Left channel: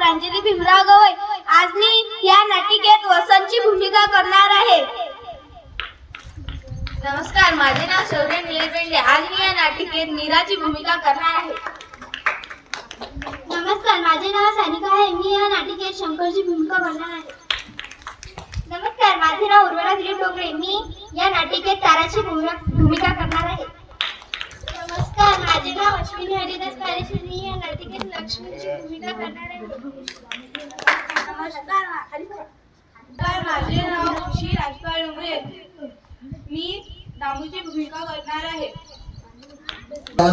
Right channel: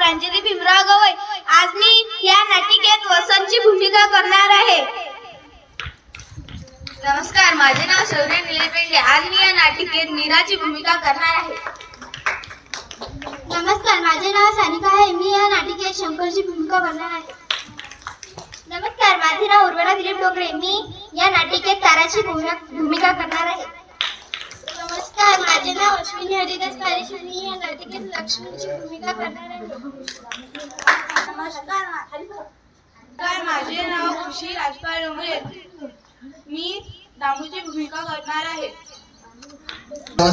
प्रांजली भीमराव गवई. आज मी या नाटिकेत वसंतची भूमिका करणार आहे. नमस्कार, माझे नाव शौर्य निलेपेंडे. आज मी या नाटिकेत मीराची भूमिका करणार आहे. नमस्कार, माझे नाव सानिका आहे. मी या नाटिकेत शंकरची भूमिका करणार आहे. नमस्कार, माझे नाव उर्वरा दिलीप डोकरे. मी या नाटिकेत ताराची भूमिका करणार आहे. नमस्कार, माझे नाव अश्विनी हरिदास पालेश्वर. मी या नाटिकेत लक्ष्मीची भूमिका करणार आहे. नमस्कार, माझे नाव खुशी राजपाल डोंगरे. मी दामूची भूमिका करणार आहे.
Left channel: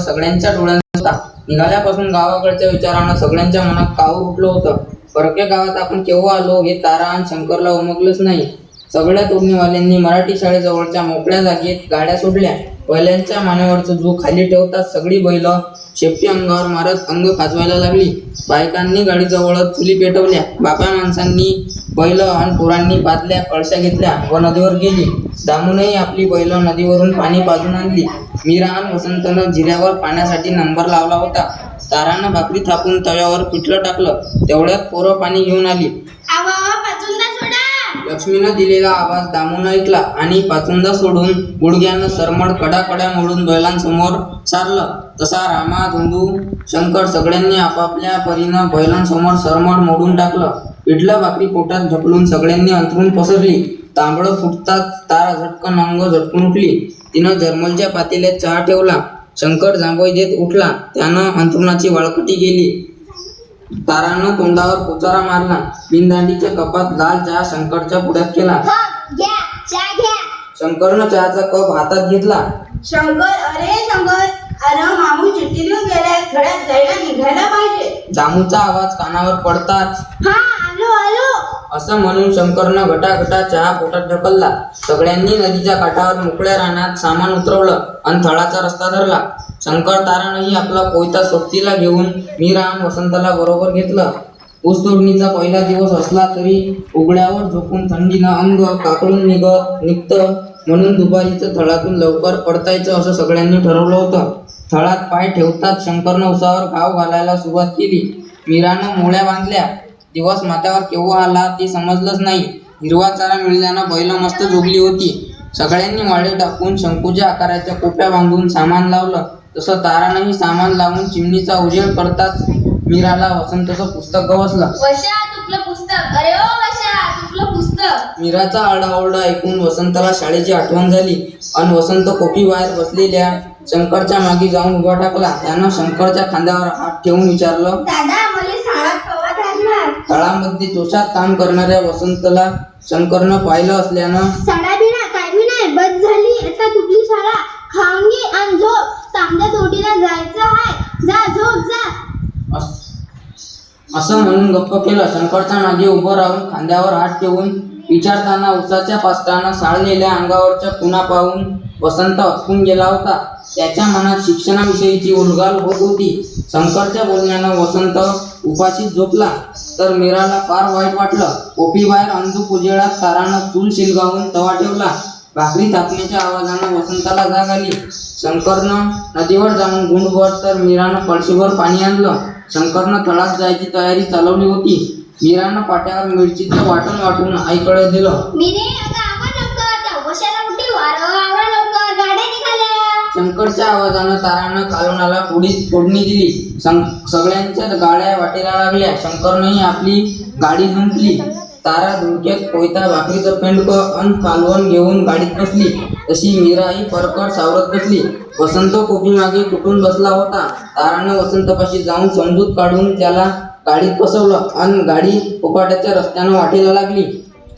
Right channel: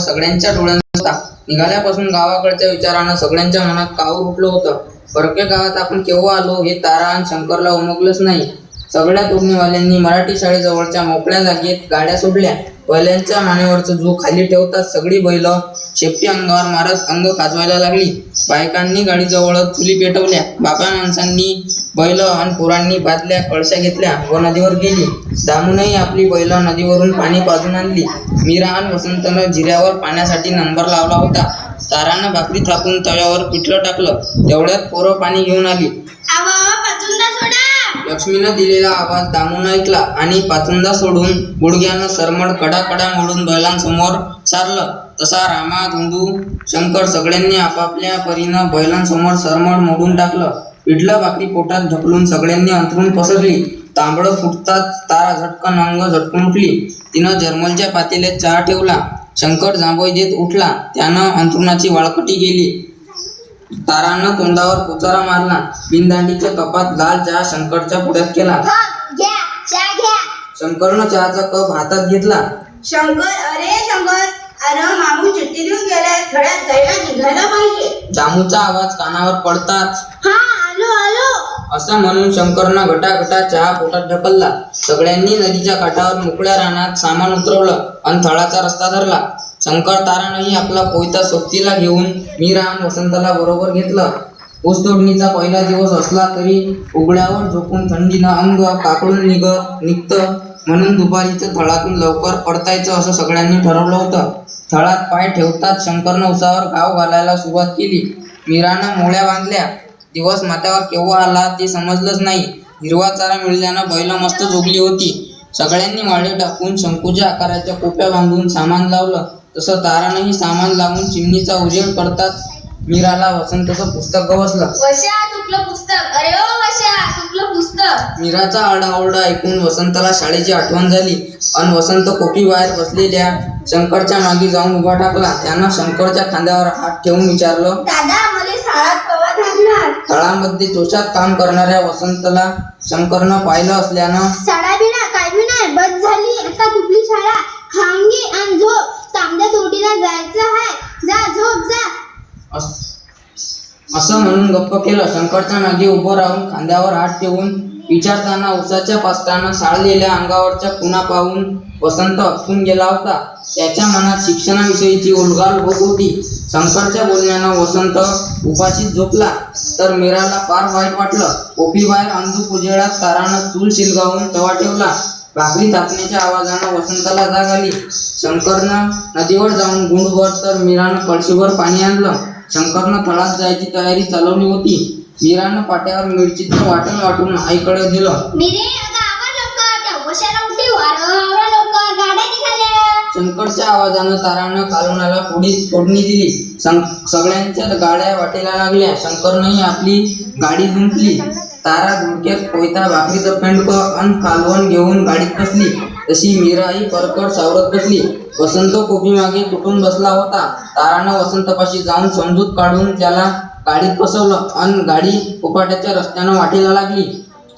सगळ्यांच्या डोळ्यांचा निघाल्यापासून गावाकडच्या विचारानं सगळ्यांच्या मनात कावूर उठलं होतं. परक्या गावात आपण केव्हा आलो हे तारा आणि शंकरला उमगलंच नाही. सगळ्या तोडणीवाल्यांनी मराठी शाळेजवळच्या मोकळ्या जागेत गाड्या सोडल्या. बैलांच्या मानेवरचं जो खाली ठेवतात सगळी बैल शेपटी अंगावर मारत अंग खाजवायला लागली. बायकांनी गाडीजवळच चुली पेटवल्या. बाप्या माणसांनी बैल आणि पोरांनी बादल्या कळशा घेतल्या व नदीवर गेली. दामूनही आपली बैल नदीवरून पाणी पाजून आणली. मीरा आणि वसंतनं जिऱ्यावर पाण्यासाठी नंबर लावला होता. तारानं भाकरी थापून तव्यावर पिठलं टाकलं. तेवढ्यात पोरं पाणी घेऊन आली. लक्ष्मीनं दिलेला आवाज दामून ऐकला आणि पाचुंदा सोडून गुडघ्यानं सरमड कडा मोडून बैलांसमोर सारलं. तसा रामा, धुंदू, शंकर सगळ्यांनी आपापल्या परीनं बैलांसमोर सरमड मोडून टाकलं. पिठलं भाकरी पोटात ढकलून सगळ्यांनी अंथरून पसरली. तांबडं फुटताच तारा झटकन अंग झटकून उठली. तिनं जर्मलच्या पातेल्यात चहा ठेवला. शंकर जांभई देत उठला. त्यानं अंथरुणाची वाळकटी गेली. तारानं तोंडावर पोचारा मारला. बिनदांडीच्या कपात लाल चहा शंकरच्या पुढ्यात केला. शंकरनं चहाचा कप हातात घेतला. शंकर, अरे मामू चिठ्ठी देऊन गेल्या. थोड्यात जायला निघायला पाहिजे. दामूचा आवाज कानावर पडताच आलो. असं म्हणून शंकरनं घटाघटा चहा पोटात ढकलला. सगळ्यांनी नदीच्या काठावर मोकळ्या रानात सामान उतरवलं आणि थळाचा रस्ता धरला. शंकर तारानंही आपला कोयता सोबतीला घेऊन मीरा आणि वसंतला बरोबर घेतलं. ऊसतोडणीचा पहिला दिवस असला तरी उघड्यावर झोपून थंडीनं अंग काकडून निघतं म्हणून दुपारीचं थळातून लवकर पडतायचं असं सगळ्यांनी ठरवलं होतं. थळात पाय ठेवताच शंकरनं उसावर घाव घालायला सुरुवात केली. मीरानं मोळ्या बांधल्या. दिवस माथ्यावर केव्हा आला ते समजलंच नाही. हिरवा चारा मिळाल्यानं बैल मस्त झोपली होती. सगळ्यांनी माळे टाकून शंकूच्या आकाराच्या कोप्या बांधून सामान लावलं. तसं तारानंही सामान लावून चिमणीचा उजेड पडताच मीराला वसंतचं पुस्तक गवसलं. मीराचा आरडाओरडा ऐकून वसंतला शाळेची आठवण झाली आणि वसंत कोपी बाहेर बसलेल्या शंकरच्या मागे जाऊन उभा टाकला. त्यानं शंकरच्या खांद्यावर हात ठेवून विचारलं, तळामध्ये जोशात काम करणाऱ्या वसंतला शंकरनं पाहिलं असल्यानं बंद झाली. आता दुबली शाळा खांगी आणि झोप. तांब्या तोडीला जायचं आहे. जा झोप जा. असं म्हणून गप्प केलं. शंकरच्या मागे उभं राहून खांद्यावर हात ठेवून विचारताना उसाच्या पास्टानं साळलेल्या अंगावरच्या खुणा पाहून वसंत अटकून गेला होता. त्याच्या मनात शिक्षणाविषयीची उलघाल होत होती. शंकरच्या बोलण्यानं वसंत उपाशीच झोपला तर मीराला फार वाईट वाटलं. कोपीबाहेर अंधुक उजेडात तारानं चूल शिलगावून तवा ठेवला. भाकरी थापण्याच्या आवाजानं वसंताला जाग आली. शंकरनं नदीवर जाऊन गुंडभर तर मीरानं कळशीभर पाणी आणलं. शंकरनं तळात जायची तयारी चालवली होती. मीरानं पाट्यावर मिरचीचं वाटून आईकडे दिलं. शंकरच्या आवाजानं तारानं कालवणाला फोडणी दिली. सगळ्यांच्या गाड्या वाटेला लागल्या. शंकरनंही आपली गाडी जुंपली. तारा धुडक्यात कोयता, भाकरीचं पेंडकं अन कालवण घेऊन गाडीत बसली. तशी मीराही परकड सावरत बसली. वसंत कोपी मागे तुटून बसला होता. तारानं वसंतपाशी जाऊन समजूत काढून त्याला गाडीत बसवलं आणि गाडी उपाट्याच्या रस्त्यानं वाटेला लागली.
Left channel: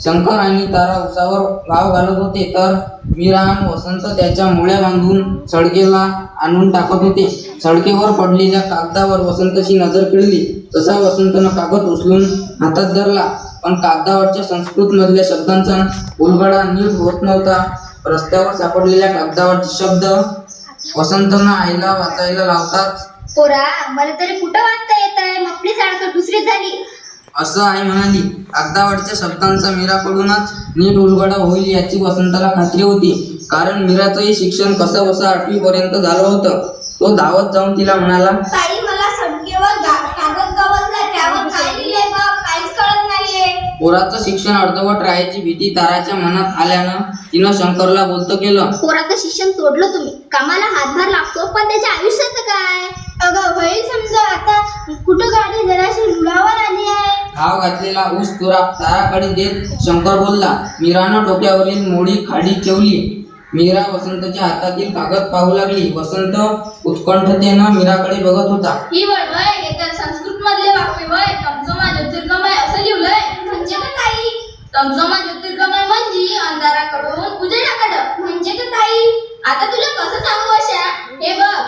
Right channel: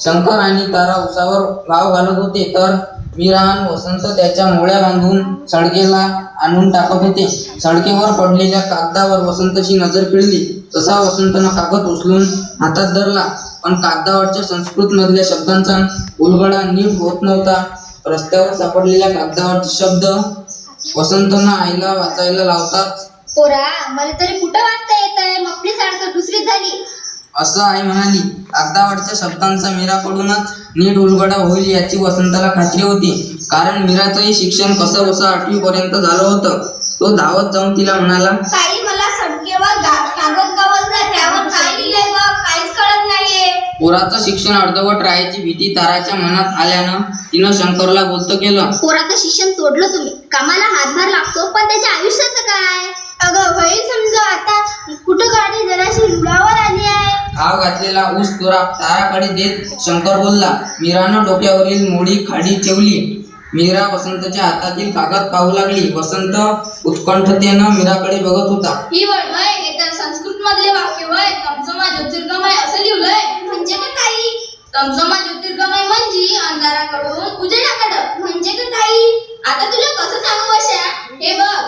शंकर आणि तारा उसावर घाव घालत होते तर मीरा आणि वसंत त्याच्या मोळ्या बांधून सडकेला आणून टाकत होते. सडकेवर पडलेल्या कागदावर वसंतची नजर खिळली. तसा वसंतनं कागद उचलून हातात धरला पण कागदावरच्या संस्कृत मधल्या शब्दांचा उलगडा नीट होत नव्हता. रस्त्यावर सापडलेल्या कागदावरचे शब्द वसंतनं आईला वाचायला लावतात. पोरा, मला तरी कुठं वाचता येत आहे. मपली सारखं दुसरी झाली असं आई म्हणाली. कागदावरच्या शब्दांचा मीराकडूनच नीट उलगडा होईल याची वसंतला खात्री होती. कारण मीराचंही शिक्षण कसं बसं 8वी पर्यंत झालं होतं. तो धावत जाऊन तिला म्हणाला, ताई, मला सडकेवर कागद गवसला, त्यावर काय लिहिलंय पोराचं शिक्षण अर्धवट राहायची भीती ताराच्या मनात आल्यानं तिनं शंकरला बोलतं केलं. पोराचं शिक्षण तोडलं तुम्ही, कामाला हातभार लागतो पण त्याच्या आयुष्याचं काय? अगं होईल समजा आता कुठं गाडी जराशी रुळावर आली आहे. घाव घातलेला ऊस तुरा ताराकडे देत शंकर बोलला. मीरानं डोक्यावरील मोडी खाली ठेवली. मीरा वसंतच्या हातातील कागद पाहू लागली. वसंत उत्कंठतेनं मीराकडे बघत होता. ही वळवय हे तर संस्कृत मधले वाक्य वय. तमसोमा ज्योतिर्गमय असं लिहिलंय. म्हणजे का ताई? तमसोमा ज्योतिर्गमय म्हणजे अंधाराकडून उजेडाकडं. म्हणजे का ताई? आता तुला कसं सांगू अशा? हे बघ,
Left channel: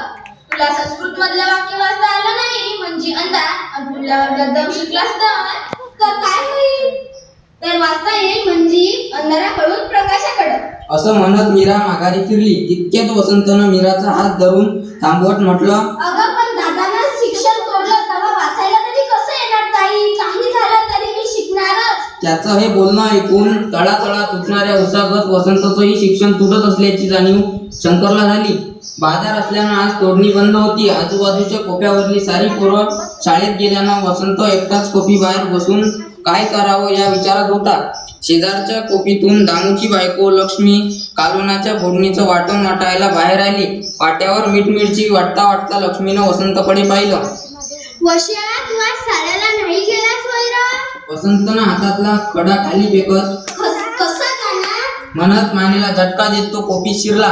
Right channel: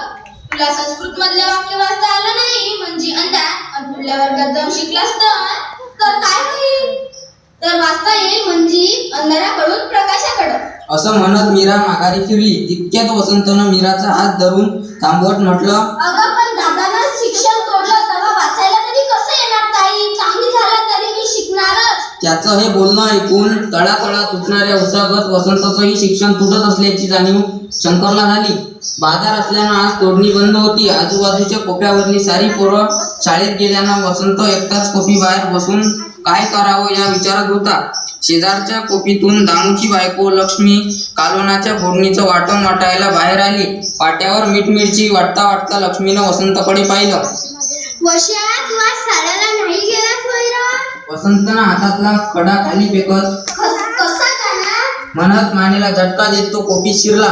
तुला संस्कृत मधलं वाक्य वाचता आलं नाही म्हणजे अंधार, आणि पुढल्या वर्गात जाऊन शिकलास तर काय होईल? तर वाचता येईल म्हणजे अंधाराकडून प्रकाशाकडं. असं म्हणत मीरा माघारी फिरली. तितक्यात वसंतनं मीराचा हात धरून थांबवत म्हटलं, अगं पण दादानं शिक्षण तोडलं तेव्हा वाचायला तरी कसं येणार ताई? काही झालं तरी मी शिकणारच. त्याचं हे बोलणं ऐकून तळातळा तुटणाऱ्या उसागत वसंतचंही शिक्षण तुटत असल्याची जाणीव शंकरला झाली. बाजार असल्यानं आज तोडणी बंद होती. आजूबाजूच्या कोप्यावरली सारी पोरं शाळेत गेल्यानं वसंत एकटाच कोपी बाहेर बसून काय करावं या विचारात होता. शेजारच्या कोपीतून दामूची बायको लक्ष्मी कालवणाच्या फोडणीचं वाटण वाटायला बाहेर आली. पाट्यावर मीठ मिरची वाटता वाटता लक्ष्मीनं वसंतकडे पाहिलं. वश्या, तू आज शाळेला नाही गेलास वैरा? वसंतनं हातातला खडा खाली फेकत कसा जाणार? म्हणत मानेला झटका देत तो कोपीत शिरला.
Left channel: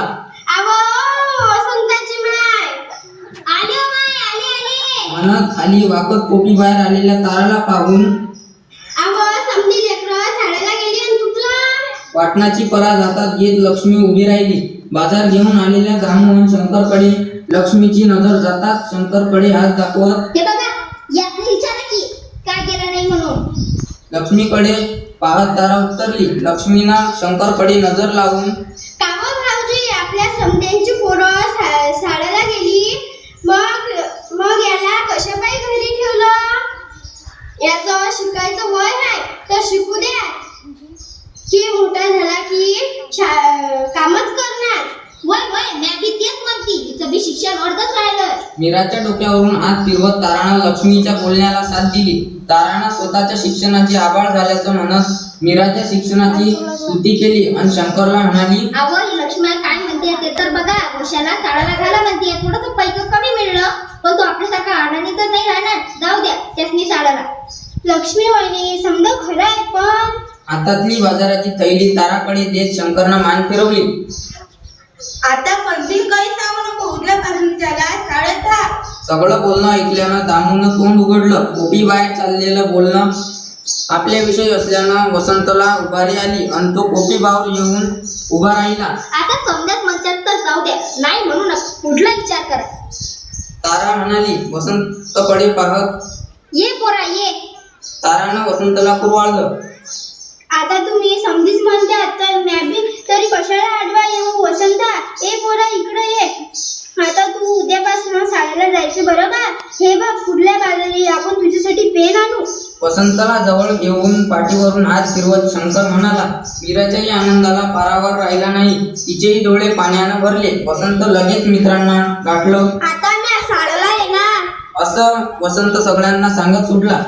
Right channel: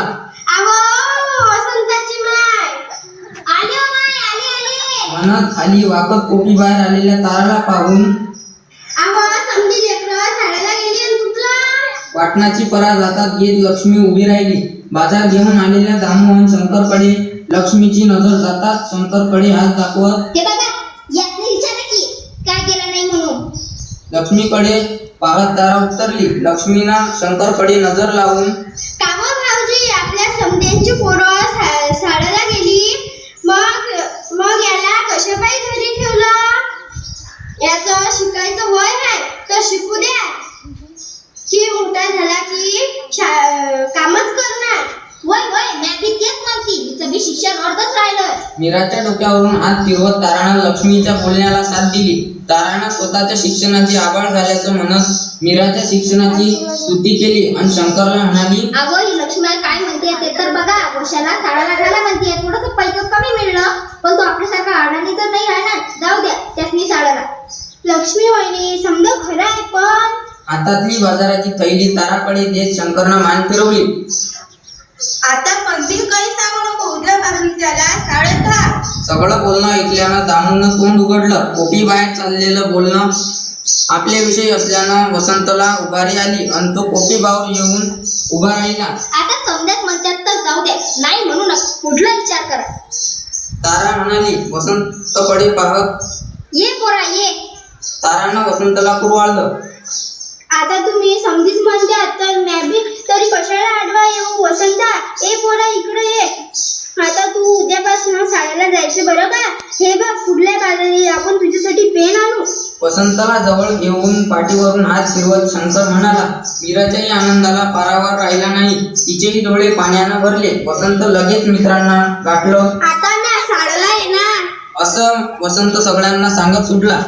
आवो, वसंताची माय आली हो माय, आली. म्हणत खाली वाकत कोपी बाहेर आलेल्या ताराला पाहून आवो, समधी लेकरं शाळेला गेली आणि तुटलं. वाटणाची परा जातात घेत लक्ष्मी उभी राहिली. बाजार घेऊन आलेल्या दामू आणि शंकरकडे लक्ष्मीची नजर जातात शंकरकडे हात दाखवत हे बघा, यातनं विचारा की काय केलं नाही म्हणून. लक्ष्मीकडे पाहत तारा उत्तरली. लक्ष्मीनं शंकरकडे नजर लावून कामं भाऊजी, आपल्या समध्यांची पोरं शाळेला गेली, मग याला कशापायी घरी ठेवलं? याचं शिकायचं वय आहे तर शिकू द्या, की मोठा झाला की कामच करणार. वय वय, मी बी तेच म्हणते, तिचं बी शिक्षण अर्धच राहिलं. मीराच्या डोक्यावरून हात फिरवत तारानं लक्ष्मीच्या बोलण्याला साथ दिली. तारानं स्वतःच्या शिक्षणाची आभाळ झाल्याचं म्हणत मीराच्या शिक्षणाची स्तुती केली आणि शंकरला म्हणाली, अगं, ही लक्ष्मी काय म्हणते ते तर बघा. वशाला शाळा लागायला म्हणते, थोडंसं पैसे कमी मिळलं पण तो आपल्यासारखा अडाणी तर नाही राहणार. जाऊ द्या त्यासनी शाळेला. लक्ष्मी वहिनी, समजा खरं आहे पण हातातली बाजाराची थैली ताराकडे देत शंकरनं मान फिरवली. आता पंथील काही सांगू नको. उद्यापासून त्याला शाळेत घाल. सगळं बोलणं ऐकल्यानं दामूनं तोंड उघडलं. कोपी बाहेर चाललेलं बोलणं आपल्याविषयी असल्यानं वसंतला उभारी आली आणि तो कोपी बाहेर येऊन उभा राहिला. आता समजाच म्हणतात तर जाऊ द्या, नाही म्हणू नका, पुढला विचार करा. तारा म्हणाली वसंतकडे पाहत. ये पोरा ये. तारानं वसंतला कुरवाळलं. आता तुम्ही समधीच म्हणतात तर मी तरी कशाला आडवा येऊ? वसंता, ए पोरा इकडे ये. आता तू उद्यापासून शाळेला जायचं बरं का? हे बघ, पुढल्या बाजारी आपण तुझ्यासाठी पेन आणू. वसंतला जवळ घेऊन पाठीवरून हात फिरवत शंकर म्हणाला. मीराच्याही आनंदाला पारावर राहिला नाही. तिचेही डोळे पाण्यानं भरले. वसंत लगेच मित्रांना गाठलं. आता मी शाळेला येणार असं वसंत सगळ्यांना सांगत सुटला.